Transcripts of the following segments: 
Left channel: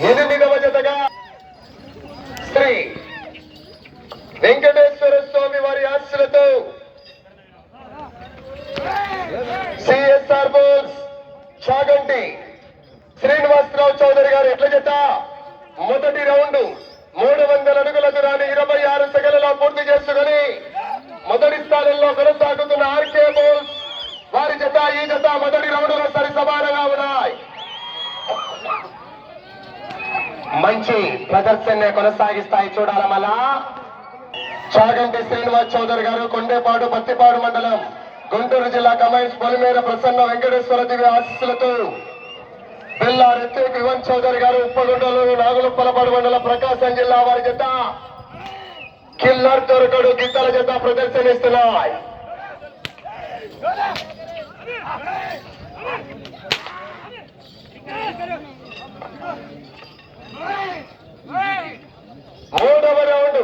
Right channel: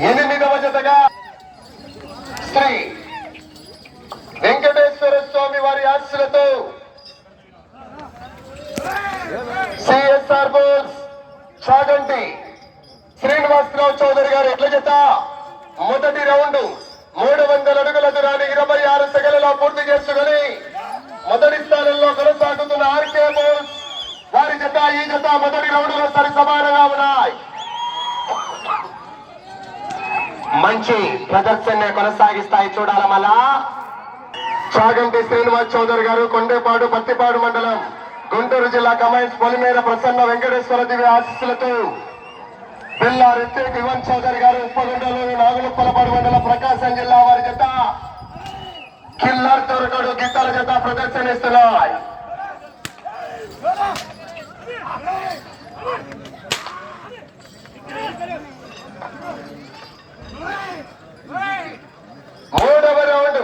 8వ జతగా శ్రీ వెంకటేశ్వర స్వామి వారి ఆశీస్సులతో సిఎస్ఆర్ బోల్స్ చాగంటి శ్రీనివాసరావు చౌదరి గారు ఎట్ల జత మొదటి రౌండ్ 300 అడుగుల దూరాన్ని 26 సెకన్లలో పూర్తి చేసుకుని మొదటి స్థానంలో కొనసాగుతున్న ఆర్కే బోల్స్ వారి జత ఈ జత మొదటి రౌండ్ లో సరి సమానంగా ఉన్నాయి. మంచి ప్రదర్శన కొనసాగిస్తాయి చూడాల మళ్ళా. చాగంటి శ్రీనివాస్ చౌదరి గారు కొండేపాడు పత్తిపాడు మండలం గుంటూరు జిల్లా కమైన్స్ పొలిమేర ప్రసన్న వెంకటేశ్వర దివ్య ఆశీస్సులతో బిల్లా రిత్విక్ యువన్ చౌదరి గారు ఉప్పగుండలోని నాగులుప్పలపాడు మండలం ప్రకాశం జిల్లా వారి జత కిల్లర్ దొరకడు గిత్తల జత ప్రదర్శనిస్తున్నాయి. మూడవ రౌండ్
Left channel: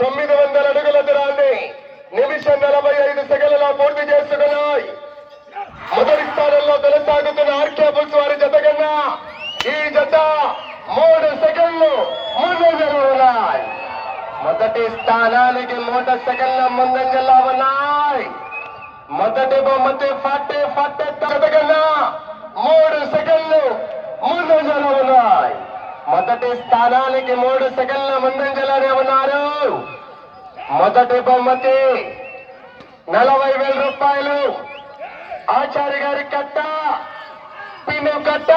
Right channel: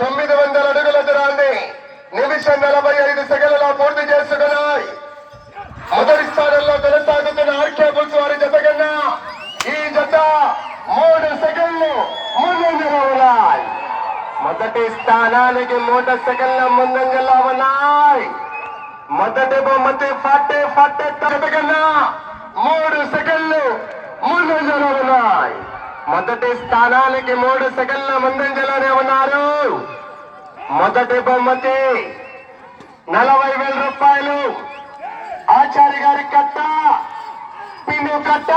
900 అడుగుల దూరాన్ని నిమిషం 45 సెకన్లలో పూర్తి చేసుకున్నాయి. మొదటి స్థానంలో కొనసాగుతున్న ఆర్కే బుల్స్ వారి జత కన్నా ఈ జత 3 సెకండ్లు ముందంజలో ఉన్నాయి. మొదటి స్థానానికి 3 సెకండ్ల ముందంజలో ఉన్నాయి. మొదటి బహుమతి 40 జత కన్నా 3 సెకండ్లు ముందంజలో ఉన్నాయి. మొదటి స్థానానికి 3 సెకండ్ల ముందంజలోనే ఉన్నారు. మొదటి బహుమతి 40,000 రూపాయలు. ఆచార్య గారి కట్ట పిను కట్ట.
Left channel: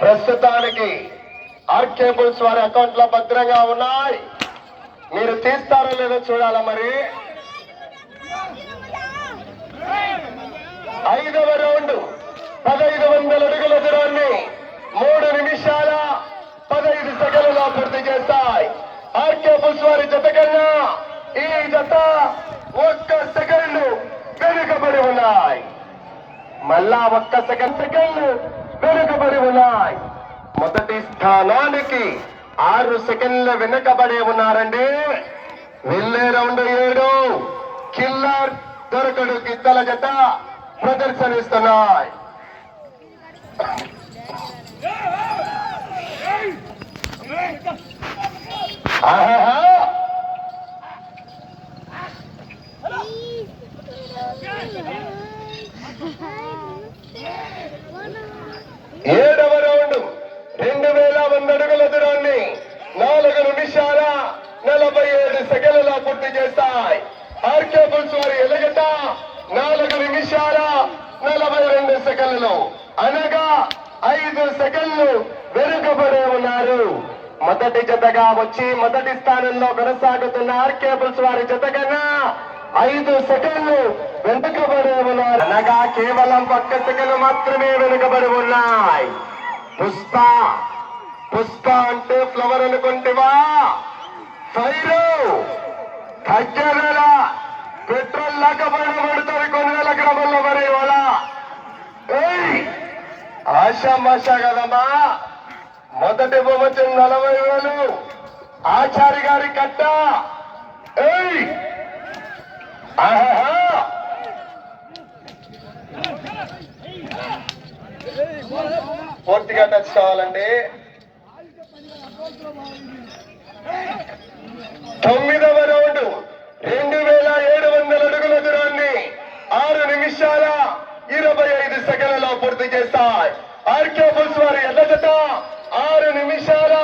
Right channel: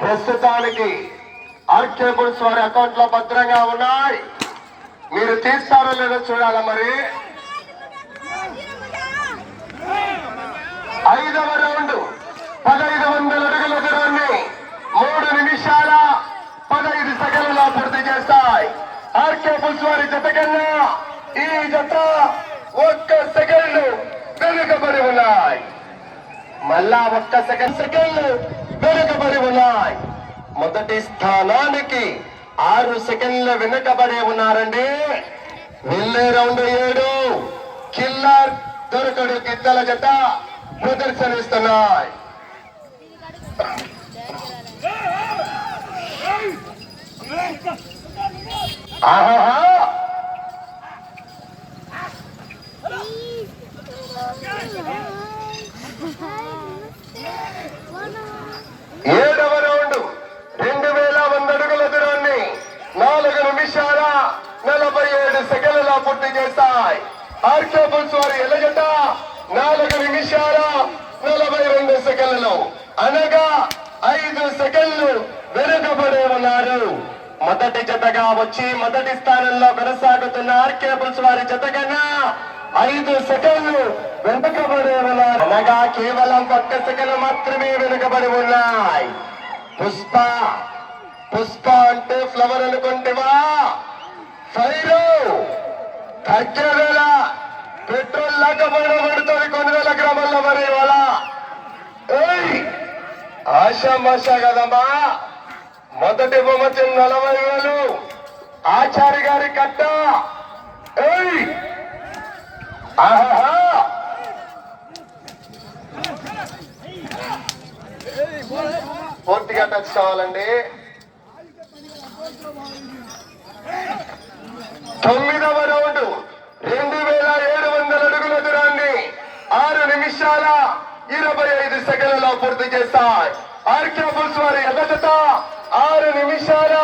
ప్రస్తుతానికి ఆర్కే బుల్స్ వారి అకౌంట్ లో భద్రంగా ఉన్నాయి. మీరు తీస్తారో లేదో చూడాలా. మరి 5వ రౌండ్ 1500 అడుగుల దూరాన్ని 3 నిమిషాల 15 సెకండ్లలో పూర్తి చేస్తాయి. ఆర్కే బుల్స్ వారి జత కన్నా ఈ జత 1 సెకండ్ వెనుకబడి ఉన్నాయి. మళ్ళా 1 సెకండ్ వెనుకబడి ఉన్నాయి. మొదటి స్థానానికి 6 సెకండ్లు వెనుకబడి ఉన్నారండి. వెళ్ళే రౌండ్ 7 కిల్లర్ దొరకడు గిద్దల జత ప్రదర్శనిస్తున్నాయి. ఆహా 7వ రౌండ్ 2100 అడుగుల దూరాన్ని 4 నిమిషాల 47 సెకండ్లలో పూర్తి చేస్తాయి. ఆర్కే బుల్స్ వారి ఎలగట 4 నిమిషాల 42 సెకండ్లు అనగా 5 సెకండ్లు వెనుకబడి ఉన్నారు. మొదటి జతగా వచ్చి మొదటి స్థానంలో కొనసాగుతున్న ఆర్కే బుల్స్ వారి జత కన్నా 5 సెకండ్లు వెనుకబడి ఉన్నారు. అనగా కేవలం 1 సెకండ్ మాత్రమే వెనుకబడి ఉన్నాయి. పుష్ప అంటే ఫ్లవర్ అనుకుంటేవా ఫైరు తగ్గవేళ పెట్రోల్ లేకపోయినా పడుతుంది కొన్ని వేల గ్రామాల్లో. మరి ఇవాళ ఆశామాషా కదమ్మా. మొదటి బహుమతి 40,000 ఆచార్య గారి కట్ట. పూర్తిగా టచ్ కావాలండి. 9వ రౌండ్ 2700 అడుగుల దూరాన్ని 6 నిమిషాల 25 సెకండ్లలో పూర్తి చేస్తాయి. ఆర్కే బుల్స్ వారి ఎల్ల జత 6 నిమిషాల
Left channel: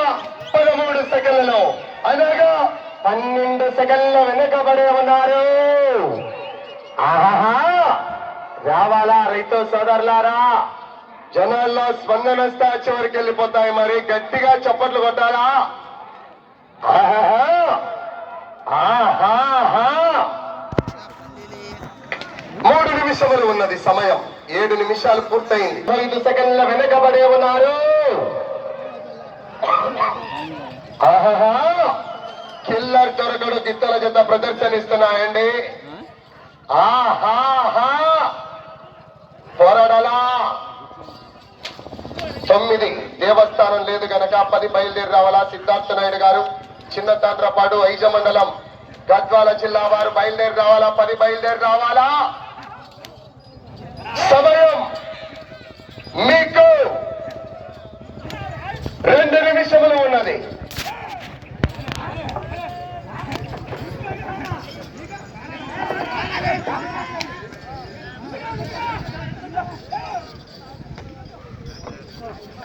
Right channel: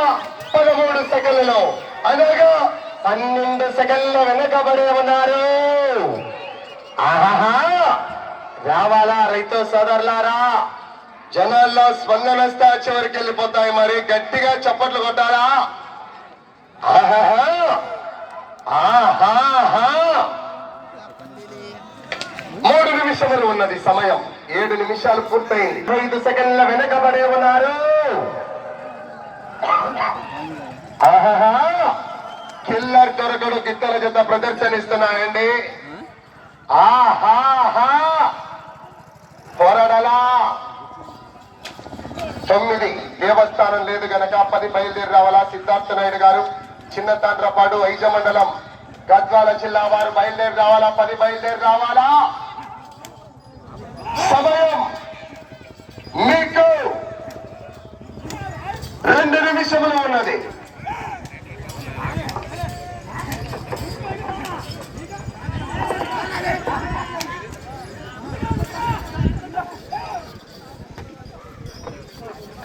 13 సెకండ్లలో అనగా 12 సెకండ్లు వెనకబడి ఉన్నారు. రావాలా రైతు సోదరులారా, జనాల్లో స్పందన వస్తే చివరికి వెళ్ళిపోతాయి. మరి గట్టిగా చప్పట్లు కొట్టాలా. 3 నిమిషములు ఉన్నది సమయం. 7 నిమిషాలు పూర్తయింది. 5 సెకండ్ల వెనకబడి ఉన్నారు. కిల్లర్ దొరకడు గిత్తల జత ప్రదర్శనిస్తున్నాయండి. పోరాడాలా. 9 దేవస్థానం లేదు గనక 10 బయలుదేరి రావాలా. సిద్ధార్థ నాయుడు గారు చిన్న తాండ్రపాడు ఐజ మండలం గద్వాల జిల్లా వారు బయలుదేరి రావాలా. 10 బయలుదేరి రావాలా. సమయం మీకు 2 నిమిషములు ఉన్నది.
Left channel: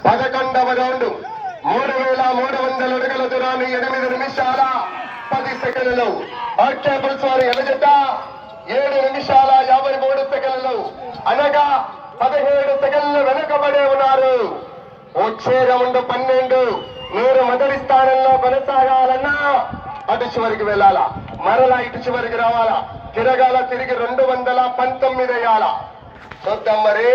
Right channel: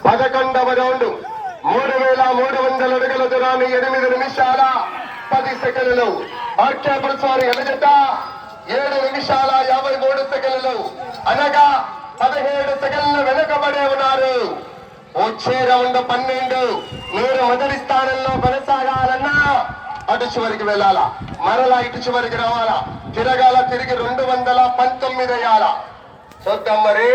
పదకొండవ రౌండ్ 3300 అడుగుల దూరాన్ని 8 నిమిషాల 10 సెకండ్లు. ఆర్కేపురస్వామి ఎలజట 7 నిమిషాల 53 సెకండ్లు, అనగా 17 సెకండ్లు వెనుకబడే ఉన్నారు. వచ్చే రౌండ్ 12. మీరు మొదటి స్థానంలో కొనసాగాలన్నా అటు చివరికి వెళ్ళాలా, మరలా ఇటు చివరికి రావాలా, తిరగాల, తిరిగి 219 అయ్యాలా. చూద్దాం మరి.